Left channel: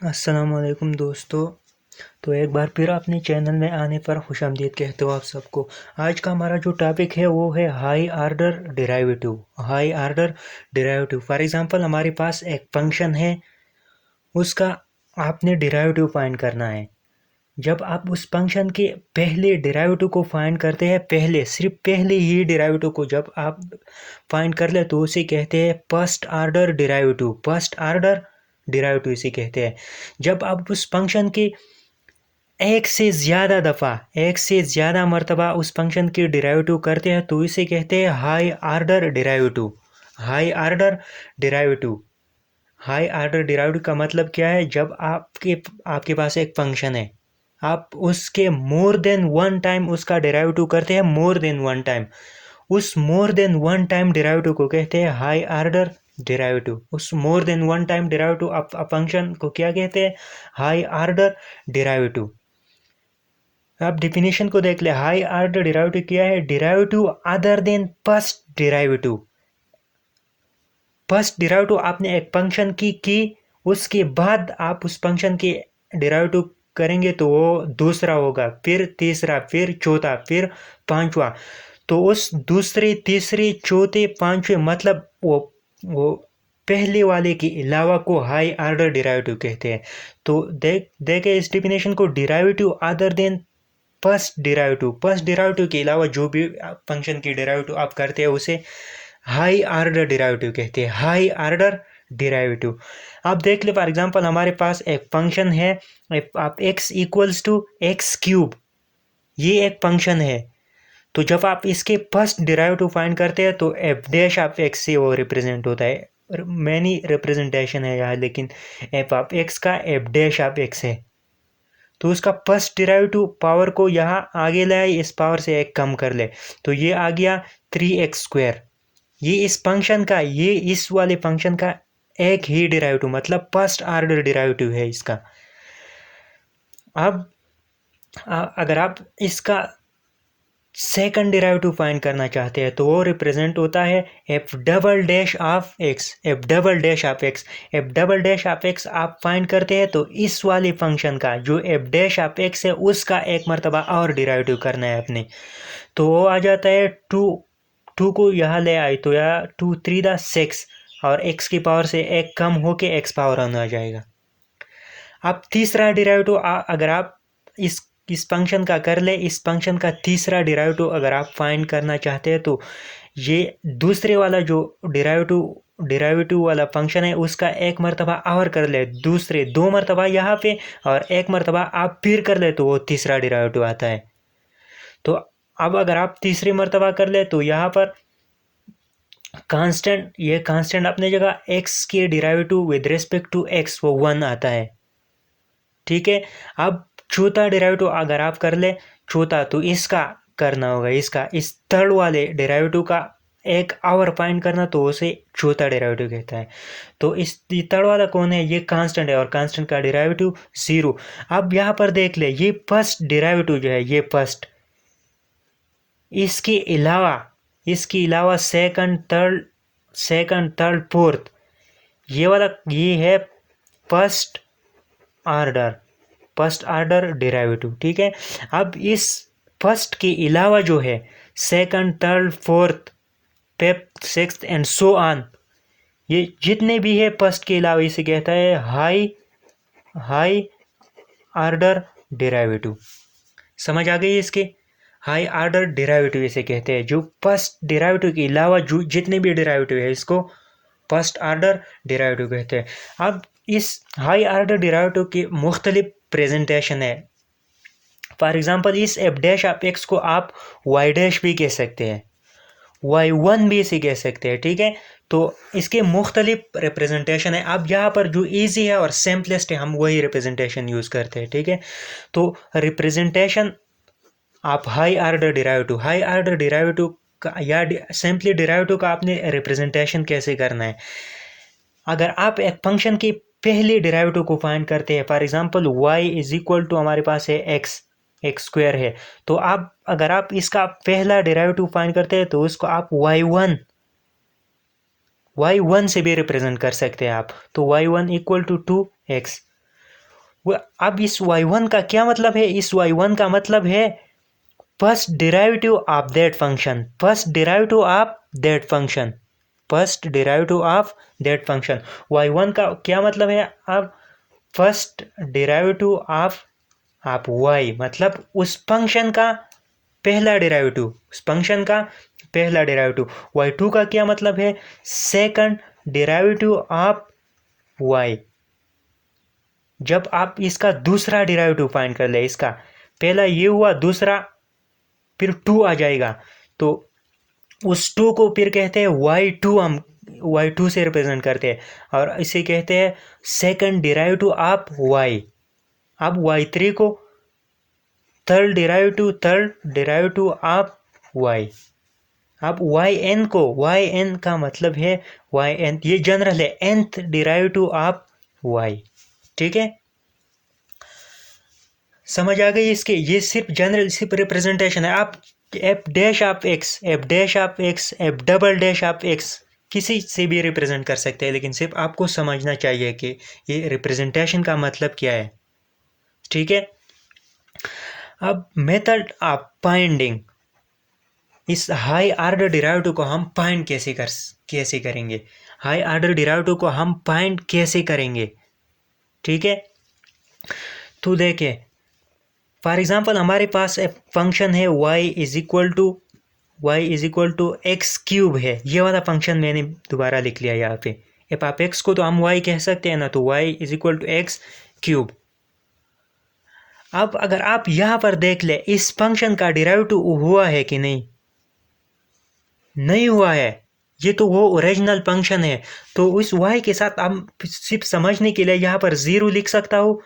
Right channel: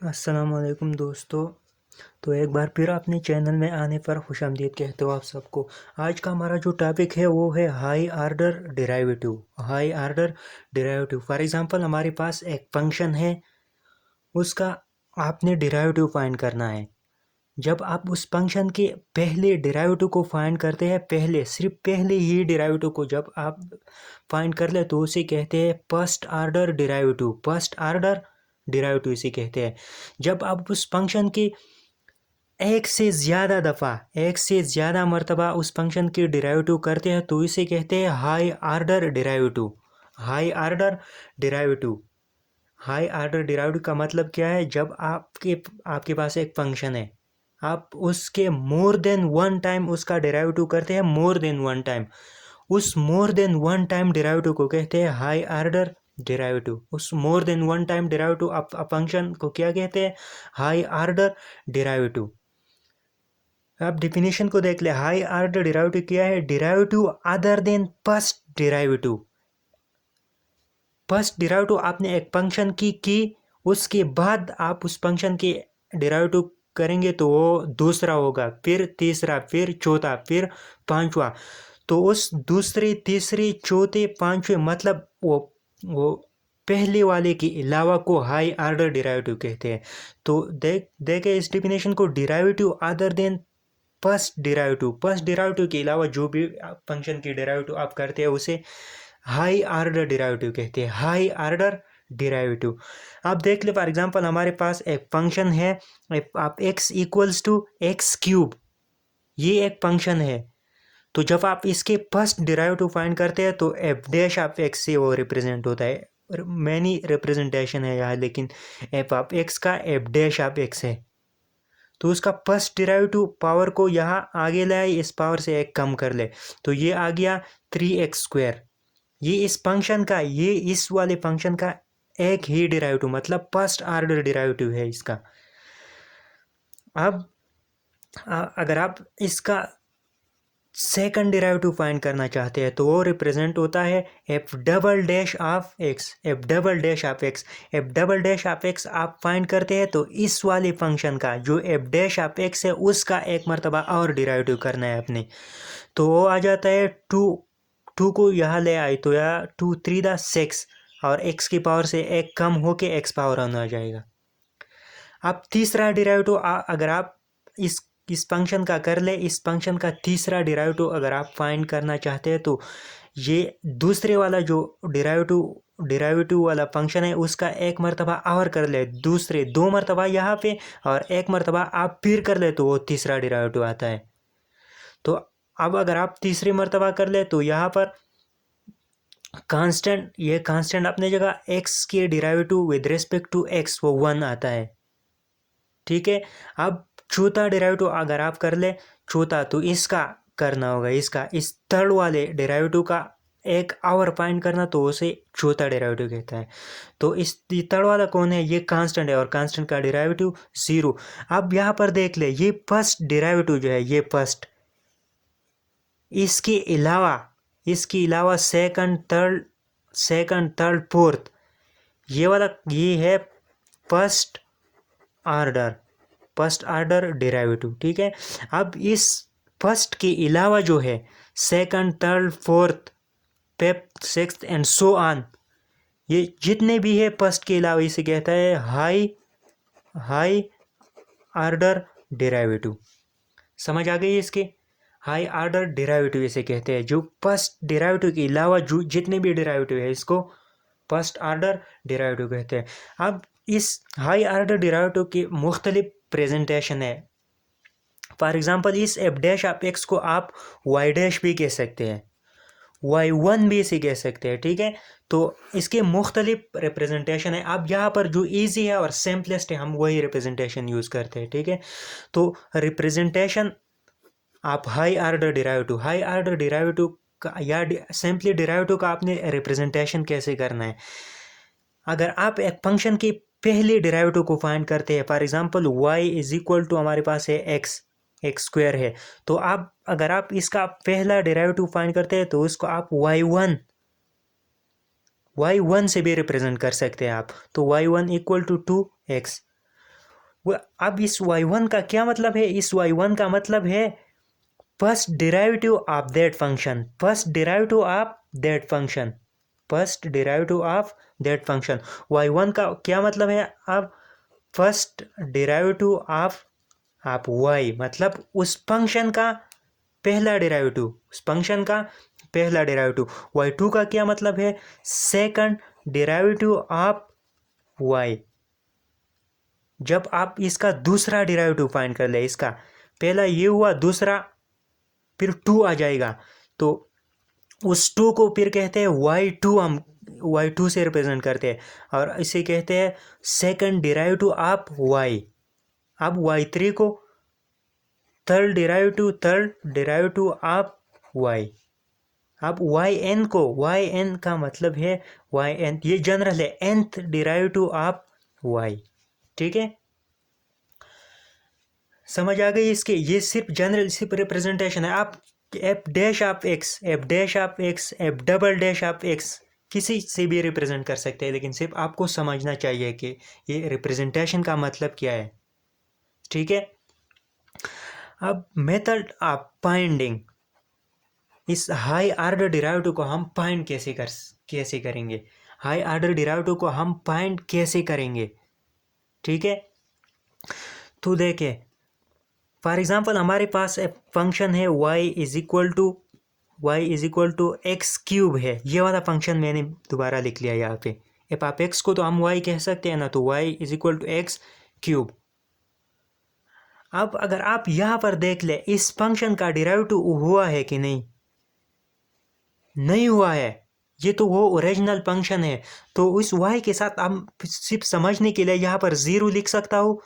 अस्सलामुअलैकुम दोस्तों। तो एक बार फिर अपने चैनल में आने पर खुशामदीद कहते हो आप सबको। आज का हमारा जो टॉपिक है वो है high order derivative. High order derivative for example हमारे पास एक फंक्शन है, उसका आपने डेरिवेटिव फाइंड करना है। जब आप उस फंक्शन के पहले डेरिवेटिव को फाइंड करते हैं, सिर्फ पहले ही डेरिवेटिव को जब आप फाइंड कर ले तो उसे कहते हैं first order derivative. First order derivative इसे कहते हैं। जब आप उस फंक्शन के एक से ज़्यादा मर्तबा उस फंक्शन की डेरिवेटिव करते हैं तो इसे कहते हैं high order derivative. High order derivative high order derivative का मतलब क्या है? जब आपके आपके पास एक फंक्शन है, आप उसके मोर देन वन टाइम उसका डेरिवेटिव करते हैं, मोर देन वन टाइम। उस more than one time derivative को कहते हैं हाई ऑर्डर डेरिवेटिव। उस more than one time derivative आप फंक्शन को क्या कहते हैं? High order derivative. आप डिफिनेशन को देख ले। हाई ऑर्डर डेरिवेटिव क्या है? Derivative other than first derivative. First derivative आपने एक फंक्शन की उसके बाद आप उस फंक्शन के डेरिवेटिव करेंगे तो वो दूसरा होगा, फिर तीसरा, फिर चौथा, फिर पांचवा। तो उस दूसरे, तीसरे, चौथे, पांचवे मतलब वो पहले वाले के अलावा को हाई ऑर्डर डेरिवेटिव कहते हैं। तो देखे इस डिफिनेशन को। Derivative other than first derivative के अलावा जो भी फंक्शन की डेरिवेटिव आप करते हैं उसे हाई ऑर्डर डेरिवेटिव कहते हैं। हाई ऑर्डर डेरिवेटिव आप देख ले। फॉर एग्जांपल हमारे पास एक फंक्शन है, आप x equals to x cube, ये एक फंक्शन है। तो जब आप इसके फर्स्ट डेरिवेटिव फाइंड करते हैं तो एफ डैश ऑफ एक्स से वो रिप्रेजेंट होता है। मैनी रिप्रेजेंटेशन है यहाँ, लेकिन एफ ऑफ एक्स का एफ डैश ऑफ एक्स है। तो उसका फर्स्ट डेरिवेटिव पावर को यहाँ आगे लाए, इस पावर से एक कम कर ले तो ये आ गया 3x²। ये इस फंक्शन का, ये इस वाले फंक्शन का एक ही डेरिवेटिव मतलब फर्स्ट ऑर्डर डेरिवेटिव है इसका। अब अगर आप इसका सेकंड डेरिवेटिव फाइंड करना चाहते हैं तो वो रिप्रेजेंट होता है F double dash of x. F double dash of x, F double dash of x आप फाइंड करते हैं तो इस वाले फंक्शन का जो एफ डैश ऑफ एक्स है उसका एक मर्तबा और डेरिवेटिव करना है अपने। तो वो आ जाता है टू को यहाँ ले आए तो यहाँ 2 3 द 6 और एक्स की पावर से एक कम होके एक्स पावर ऑन आ जाएगा। अब तीसरा डेरिवेटिव अगर आप इस फंक्शन का कर ले, इस फंक्शन का तीसरा डेरिवेटिव अगर आप फाइंड करना चाहते हैं तो ये दूसरे वाला जो डेरिवेटिव वाला फंक्शन है उसका एक मर्तबा और कर ले, दूसरे 2 मर्तबा यहाँ पे और एक मर्तबा आप फिर कर ले तो वो तीसरा डेरिवेटिव आता है। तो अब अगर आप तीसरी मर्तबा कर ले तो यहाँ पर ये कांस्टेंट अपनी जगह, एक्स के derivative with respect to x वो 1 आता है। ठीक है। अब चौथा डेरिवेटिव अगर आप कर ले चौथा तो इसका करना होगा, इसका इस थर्ड वाले डेरिवेटिव का एक आवर फाइंड करना तो उसे चौथा डेरिवेटिव कहता है। तो इस थर्ड वाला कौन है? ये कांस्टेंट है और कांस्टेंट का डेरिवेटिव 0। अब यहाँ पर देख ले, ये फर्स्ट डेरिवेटिव जो है ये फर्स्ट, इसके अलावा सेकंड थर्ड फोर्थ, ये वाला ये है फर्स्ट ऑर्डर डेरिवेटिव। ठीक है। अब इस फर्स्ट के अलावा जो है second, third, fourth, fifth, sixth and so on, ये जितने भी है फर्स्ट के अलावा इसे कहता है हाई ऑर्डर डेरिवेटिव। समझ आ गई इसके? हाई ऑर्डर डेरिवेटिव इसे कहते हैं। जो फर्स्ट डेरिवेटिव के अलावा जो जितने भी डेरिवेटिव है इसको फर्स्ट ऑर्डर डेरिवेटिव कहते हैं। अब इस हाई ऑर्डर डेरिवेटिव के मुख्तलिफ प्रेजेंटेशन है। फॉर एग्जांपल इस एफ डैश ऑफ एक्स को आप वाई डैश भी कह सकते हैं, y1 भी इसे कह सकते हैं। ठीक है। तो इसके मुख्तलिफ रिप्रेजेंटेशन है। अब यहाँ पर जो ईजी है और सिंपलेस्ट है हम वही रिप्रेजेंटेशन यूज़ करते हैं। ठीक है। तो रिप्रेजेंटेशन आप हाई ऑर्डर डेरिवेटिव का या सिंपली डेरिवेटिव का आपने रिप्रेजेंटेशन कैसे करना है? अगर आप एक फंक्शन की पहले डेरिवेटिव को फाइंड करते हैं, for example y is equal to हमारे पास है x² है, तो आप अगर आप इसका पहला डेरिवेटिव फाइंड करते हैं तो उसको आप y1 से भी रिप्रेजेंट कर सकते हैं आप। तो y1 इक्वल टू 2x। अब इस y1 का क्या मतलब है? इस y1 का मतलब है first derivative of that function, first derivative of that function, first derivative of that function. y1 का क्या मतलब है? अब फर्स्ट डेरिवेटिव ऑफ y, मतलब उस फंक्शन का पहला डेरिवेटिव, उस फंक्शन का पहला डेरिवेटिव। y2 का क्या मतलब है? Second derivative of y। जब आप इसका दूसरा डेरिवेटिव फाइंड कर ले, इसका पहला ये हुआ, दूसरा फिर 2 आ जाएगा, तो उस 2 को फिर कहते हैं y2, हम y2 से रिप्रेजेंट करते हैं, और इसे कहते हैं सेकंड डेरिवेटिव ऑफ y। अब y3 को थर्ड डेरिवेटिव ऑफ y। अब yn को, yn का मतलब है yn, ये जनरल है, nth डेरिवेटिव ऑफ y। ठीक है, समझ आ गई इसके? ये सिर्फ जनरल, सिर्फ रिप्रेजेंटेशन है। आप F dash of x, F dash of x, F double dash of x किसी से भी रिप्रेजेंट कर सकते हैं, लेकिन सिर्फ आपको समझना चाहिए कि ये रिप्रेजेंटेशन का मतलब क्या है। ठीक है, अब मेथड ऑफ फाइंडिंग, इस हाई ऑर्डर डेरिवेटिव को हम फाइंड कैसे करेंगे? हाई ऑर्डर डेरिवेटिव को हम फाइंड कैसे करेंगे? ठीक है, तो देखिए, फॉर एग्जाम्पल हमारे पास एक फंक्शन है y is equal to x cube है। ये वाला फंक्शन मैंने दोबारा लिख लिया यहाँ पे। एफ आप एक्स को तो हम y कह सकते हैं ना, तो y is equal to x cube. अब अगर आप यहाँ पर देख ले, इस फंक्शन का डेरिवेटिव हुआ है कि नहीं? नहीं हुआ है, ये तो वो ओरिजिनल फंक्शन है। तो उस y के साथ हम सिर्फ समझने के लिए यहाँ पर 0 लिख सकता हूँ।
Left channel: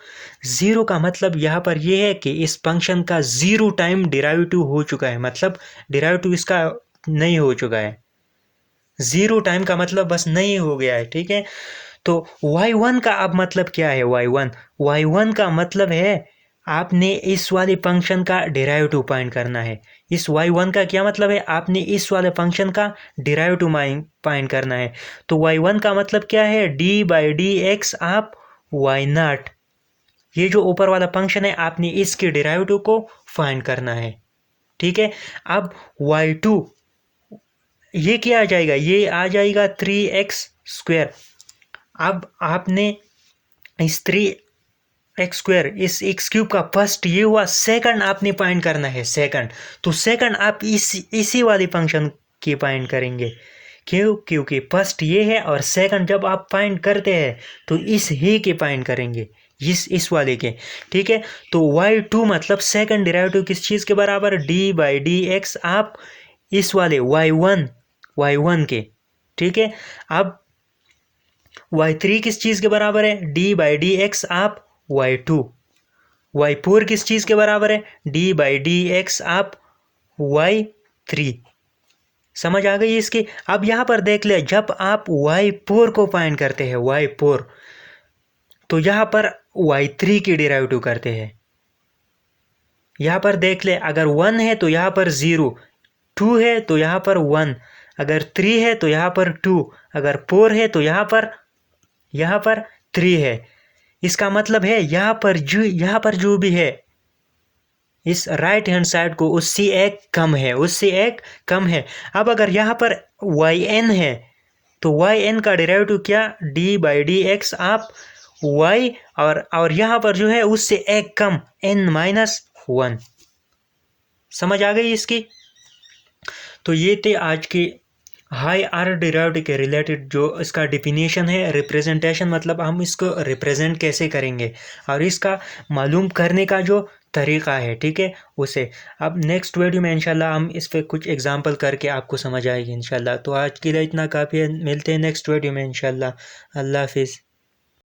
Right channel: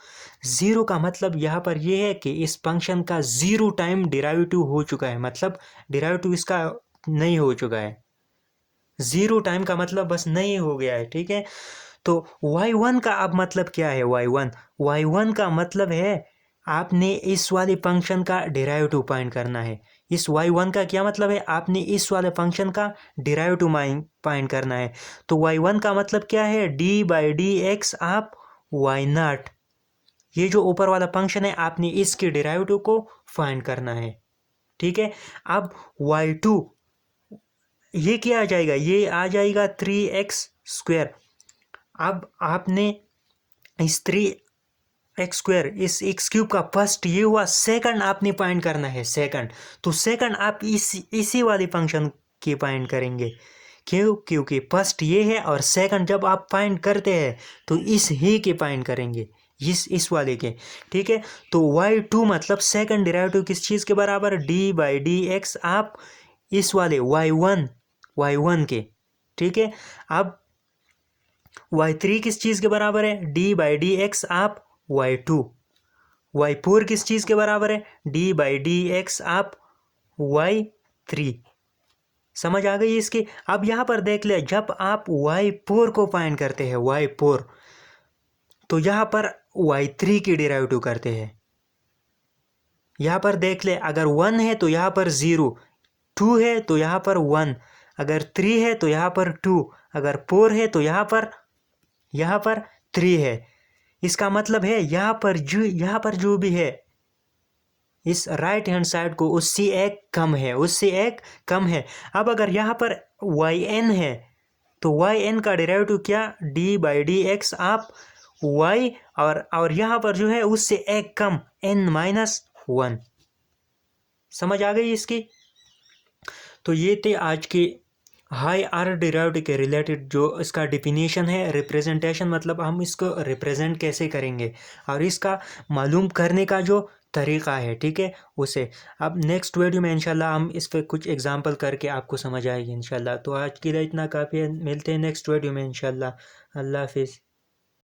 0 का मतलब यहाँ पर ये है कि इस फंक्शन का 0 टाइम डेरिवेटिव हो चुका है, मतलब डेरिवेटिव इसका नहीं हो चुका है। 0 टाइम का मतलब बस नहीं हो गया है। ठीक है, तो y1 का अब मतलब क्या है? y1 का मतलब है आपने इस वाले फंक्शन का डेरिवेटिव फाइंड करना है। इस y1 का क्या मतलब है? आपने इस वाले फंक्शन का डेरिवेटिव फाइंड करना है। तो y1 का मतलब क्या है? d/dx of y0। ये जो ऊपर वाला फंक्शन है, आपने इसके डेरिवेटिव को फाइंड करना है। ठीक है, अब y2 ये क्या आ जाएगा? ये आ जाएगा 3x²। अब आपने इस 3x², इस x³ का फर्स्ट ये हुआ, सेकंड आपने फाइंड करना है, सेकंड। तो सेकंड आप इसी वाले फंक्शन की फाइंड करेंगे। क्यों? क्योंकि फर्स्ट ये है, और सेकंड जब आप फाइंड करते हैं तो इस ही के फाइंड करेंगे, इस वाले के। ठीक है, तो y2 मतलब सेकंड डेरिवेटिव किस चीज़ के बराबर? d/dx आप इस वाले y1 के। ठीक है, अब y3 किस चीज़ के बराबर है? d/dx आप y2। y4 किस चीज़ के बराबर है? d/dx आप y3। समझ आ गई इसकी? अब यहाँ पर देख ले, जब आप y4 को फाइंड करते हैं, y4, तो यहाँ पर y3 की डेरिवेटिव करते हैं। यहाँ पर देख ले, अगर 1 है तो यहाँ पर 0, 2 है तो यहाँ पर 1, अगर 3 है तो यहाँ पर 2, अगर 4 है तो यहाँ पर 3 है। इसका मतलब है यहाँ पर जो भी है, इस राइट हैंड साइड को उससे एक कम है। अब अगर यहाँ पर yn है, तो yn का डेरिवेटिव क्या? d/dx आप y, और यहाँ पर जो है उससे एक कम, n-1। समझ आ गई इसकी? तो ये थे आज के हाई ऑर्डर डेरिवेटिव के रिलेटेड जो इसका डिफिनीशन है। रिप्रेजेंटेशन मतलब हम इसको रिप्रेजेंट कैसे करेंगे, और इसका मालूम करने का जो तरीक़ा है, ठीक है, उसे अब नेक्स्ट वीडियो में इंशाल्लाह हम इस पर कुछ एग्जांपल करके आपको समझ आएगी इंशाल्लाह। तो आज के लिए इतना काफ़ी है, मिलते हैं नेक्स्ट वीडियो में इंशाल्लाह। अल्लाह हाफिज़।